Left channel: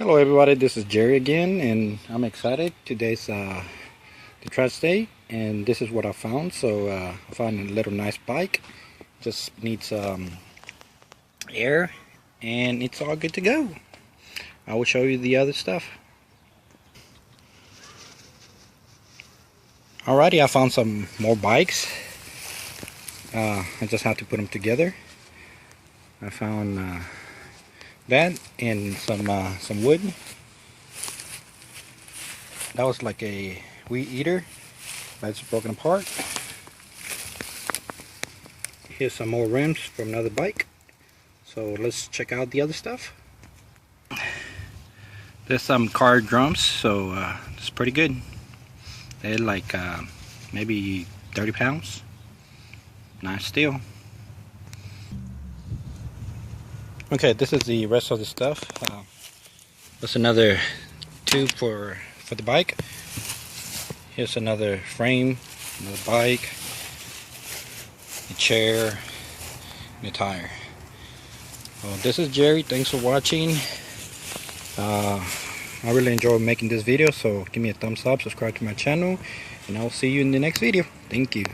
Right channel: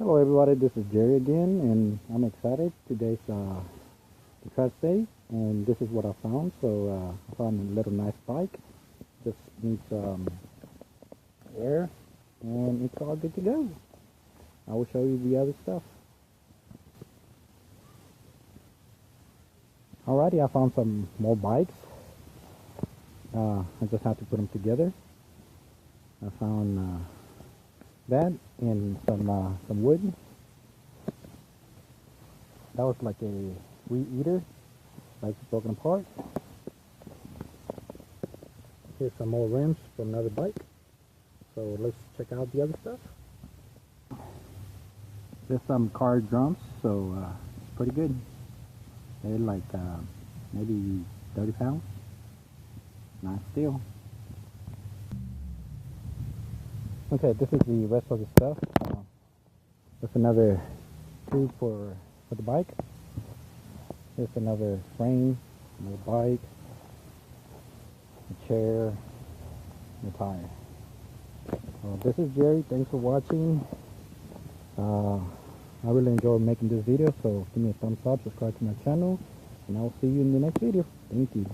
Hello everybody, this is Jerry again, and I'm excited. Today's the trash day, and this is what I found. I found a little nice bike. Just needs air, and it's all good to go. I will show you the other stuff. Alrighty, I found some more bikes. I just have to put them together. I found that and some wood. That was like a weed eater that's broken apart. Here's some more rims from another bike. So let's check out the other stuff. There's some car drums, so it's pretty good. They're like maybe 30 pounds. Nice steel. Okay, this is the rest of the stuff. That's another tube for the bike. Here's another frame, another bike, a chair, and a tire. Well, this is Jerry. Thanks for watching. I really enjoy making this video, so give me a thumbs up, subscribe to my channel, and I'll see you in the next video. Thank you.